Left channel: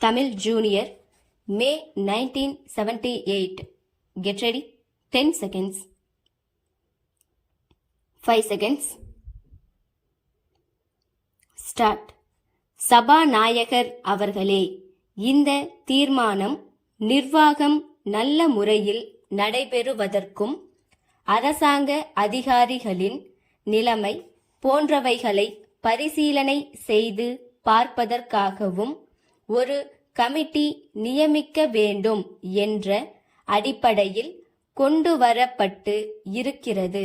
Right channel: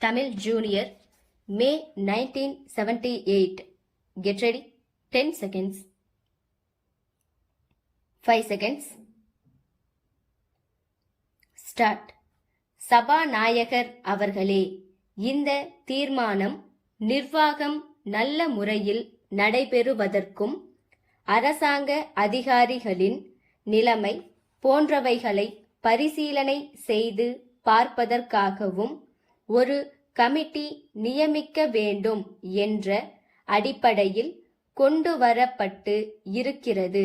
Tamil Junior, May 1978. Get ready. 10 seconds. 5 seconds. Start. சபாநாயகர் அவர்களே, இந்த தீர்மானம் நிர்வாகம் நல்ல முறையில் நடைபெறுவதற்கும் அரசாங்க அதிகாரிகளின் நிலைமை போன்றவைகளை பரிசீலனை செய்து பார்ப்பதற்காகவும் ஒரு கமிட்டி நியமிக்க வேண்டும் என்ற அடிப்படையில் கொண்டு வரப்பட்டு இருக்கிறது.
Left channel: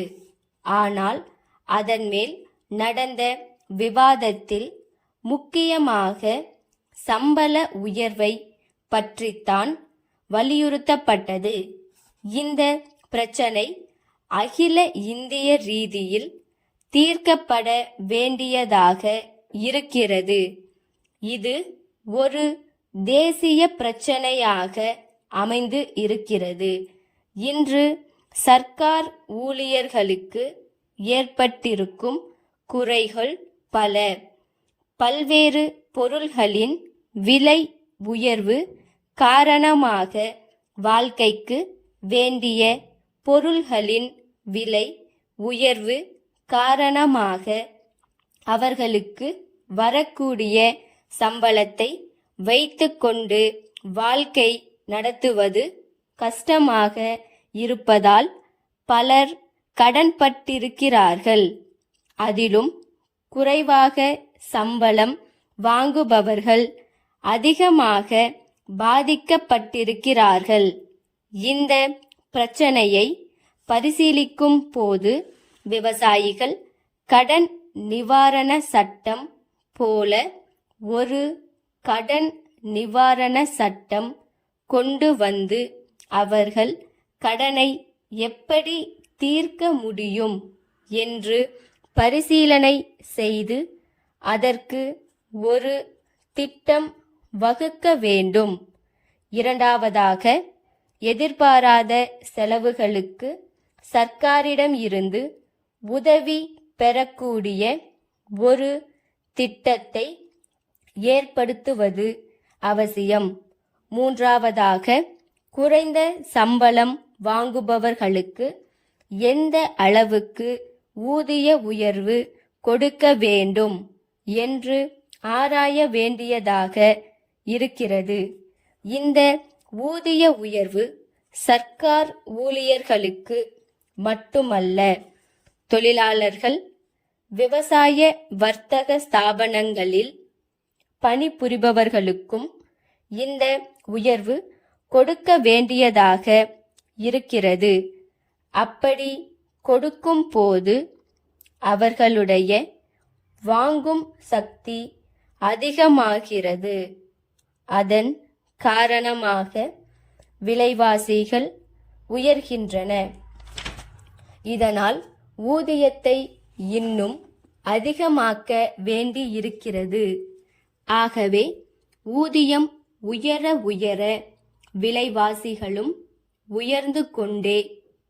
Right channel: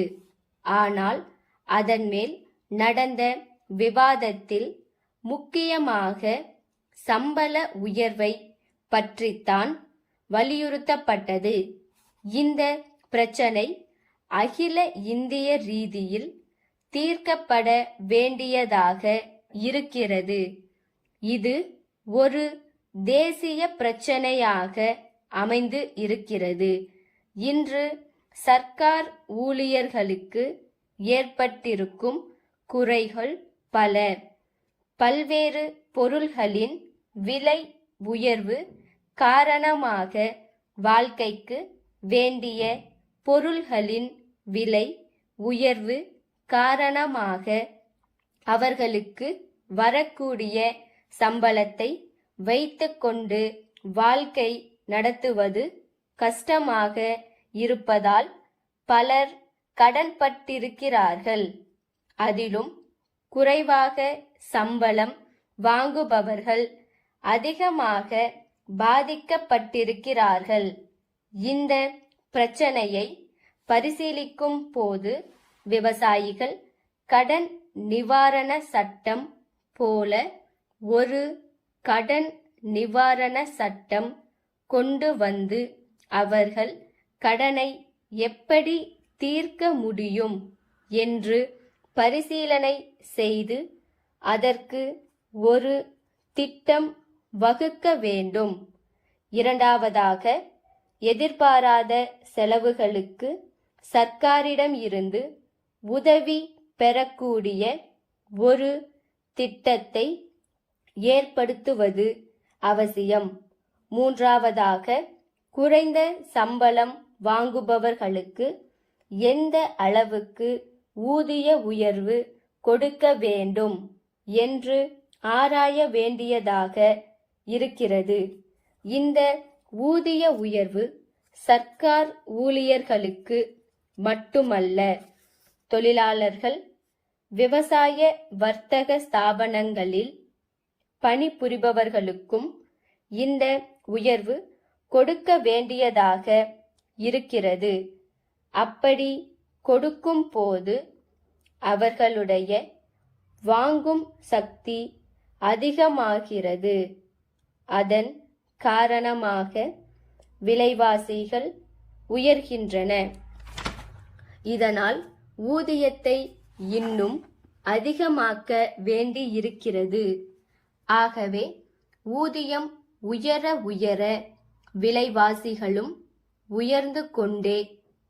ஆனால் அதன் மேல் நடந்த விவாதத்தில் முக்கியமாக சம்பள உயர்வை பற்றித்தான் வலியுறுத்தப்பட்டது. இந்த பிரச்சனை அகில இந்திய ரீதியில் தீர்க்கப்பட வேண்டியதாக இருக்கிறது. இது ஒரு தேசிய பிரச்சனையாக அமைந்து இருக்கிறது. இன்று சர்க்கார் ஊழியர்களுக்கு ஏற்பட்டிருக்கும் குறைகள் பல. பல்வேறு பொருள்களின் விலை உயர்வு காரணமாக வாழ்க்கைக்கு வேண்டிய பொருள்களின் விலை உயர்வு காரணமாக அவர்களுக்கு வரக்கூடிய சம்பளத்தை வைத்துக்கொண்டு வாழ்க்கை நடத்துவது கஷ்டமாக இருப்பதால் பலர் கடன்பட்டிருக்கிறார்கள். அதிலும் குறைவாக சம்பளம் வாங்குபவர்கள் அதிகமாக பாதிக்கப்பட்டிருக்கிறார்கள். இந்த பிரச்சனையை பரிசீலிக்கும் போது விவசாயிகள் கடன் நிவாரண சட்டம் போல ஒரு கடன் நிவாரண சட்டம் கொண்டு வந்து அவர்கள் கடனை எப்படி தீர்க்க முடியும் என்று பரிசீலனை செய்து அதற்கு ஒரு திட்டம் வகுக்க வேண்டும். இரண்டாவதாக, எதிர்பாராத செலவுகளுக்கு சர்க்காரிடம் இருந்து உதவி பெறக்கூடிய ஒரு திட்டத்தை ஏற்படுத்துவது அவசியம். மூன்றாவதாக, குறைந்த சம்பளம் வாங்குபவர்களுக்கு எந்த அளவுக்கு ஊதிய உயர்வு கொடுக்க வேண்டும் என்று ஆராய வேண்டியதாக இருக்கிறது. இந்த ஊதிய உயர்வு சர்க்கார் ஊழியர்களுக்கு மட்டுமல்ல, தொழிலாளர்கள், விவசாய வர்த்தக ஸ்தாபனங்களில் பணிபுரிபவர்களுக்கும் இந்த உயர்வு கொடுக்க வேண்டியதாக இருக்கிறது. அப்படி கொடுக்கும் போது அவர்களுடைய வாங்கும் சக்தி அதிகமாகிறது. அதன் காரணமாக விலைவாசிகள் உயர்கின்றன. இதனால் ஊதியத்தை இன்னும் அதிகமாக்க வேண்டியிருக்கிறது. ஆகவே ஊதியம் உயர உயர விலைவாசிகளும் உயர்ந்து கொண்டே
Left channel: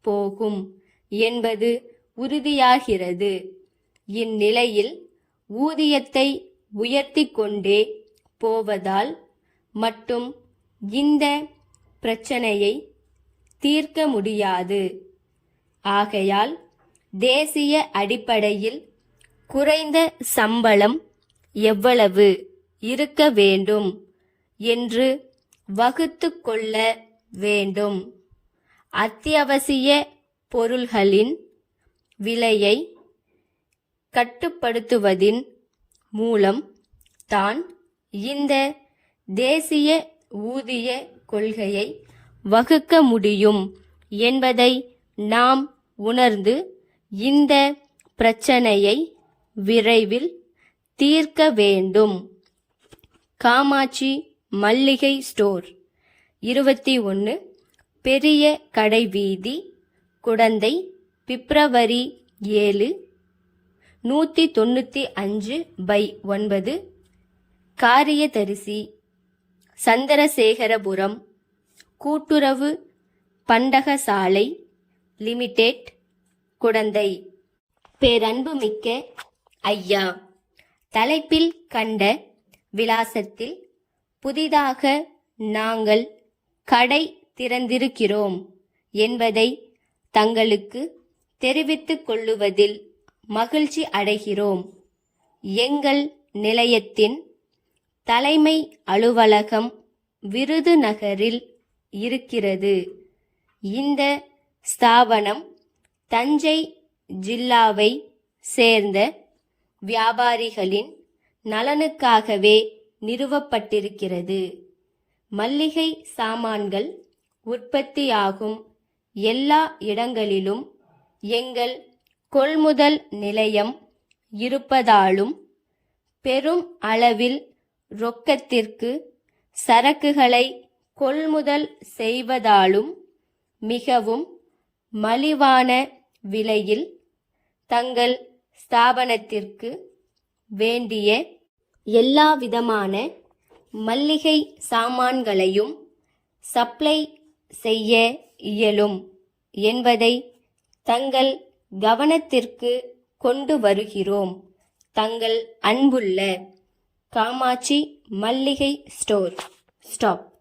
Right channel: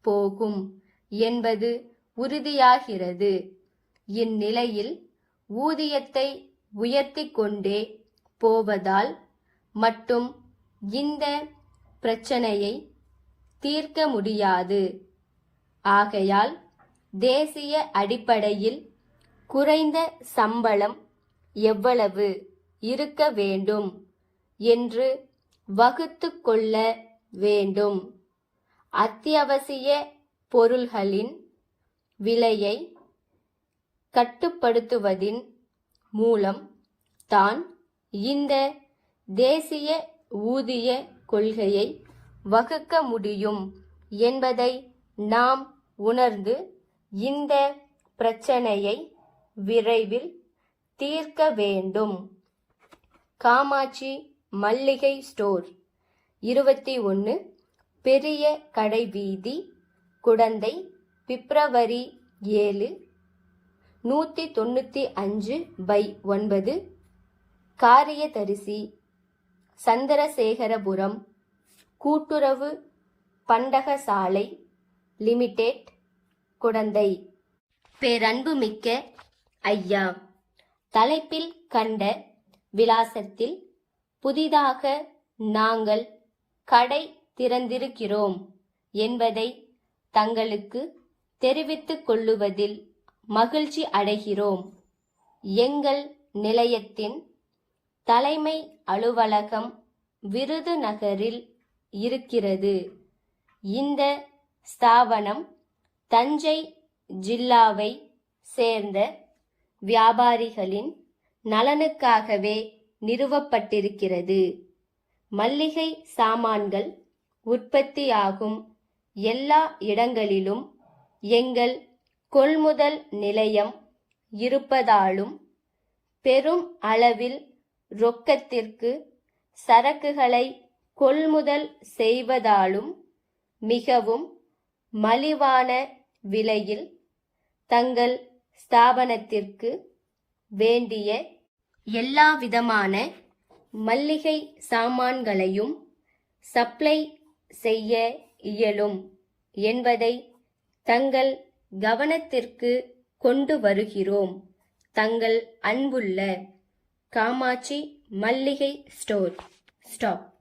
போகும் என்பது உறுதியாகிறது. இந்நிலையில் ஊதியத்தை உயர்த்தி கொண்டே போவதால் மட்டும் இந்த பிரச்சனையை தீர்க்க முடியாது. ஆகையால் தேசிய அடிப்படையில் குறைந்த சம்பளம் எவ்வளவு இருக்க வேண்டும் என்று வகுத்து கொள்ள வேண்டும். அத்தியாவசிய பொருள்களின் விலையை கட்டுப்படுத்துவதின் மூலம் தான் இந்த தேசிய ஊதிய கொள்கையை வகுக்க முடியும் என்பதை நாம் உணர்ந்து இந்த பிரச்சனையை விரைவில் தீர்க்க வேண்டும். காமாட்சி மல்லிகை ஸ்டோர், 21 பெரிய கடை வீதி, குடந்தை, பிப்ரவரி 7, 195/9, காரியதரிசி, சந்திரசேகரபுரம், கூட்டுறவு பண்டகசாலை லிமிடெட், குடந்தை. பேரன்புமிக்க ஐயா, தலைப்பில் கண்ட விலாசத்தில் புதிதாக நாங்கள் கடை திறந்திருக்கிறோம் என்பதை தங்களுக்கு தெரிவித்துக் கொள்ளுவதில் மகிழ்ச்சி அடைகிறோம். எங்கள் நிலையத்தின் தலைமை அலுவலகம் விருதுநகரில் இருக்கிறது. இந்த ஸ்தாபனம் தஞ்சை ஜில்லாவை சேர்ந்த வியாபாரிகளின் நலனுக்காகவே நிறுவப்பட்டிருக்கிறது. மல்லிகை சாமான்கள் உற்பத்தியாகும் எல்லா இடங்களிலும் எங்கள் கொள்முதல் நிலையம் இருப்பதாலும் பெரும் அளவில் ரொக்கத்திற்கு சரக்குகளை கொள்முதல் செய்வதாலும் மிகவும் மலிவான விலையில் தங்கள் ஸ்தாபனத்திற்கு வேண்டிய எல்லாவிதமான மல்லிகை சாமான்களையும் சப்ளை செய்ய இயலும் என்பதை தங்கள் கவனத்திற்கு கொண்டு வருகிறோம். தங்கள் அன்புள்ள காமாட்சி மல்லிகை ஸ்டோர். ஸ்டாப்.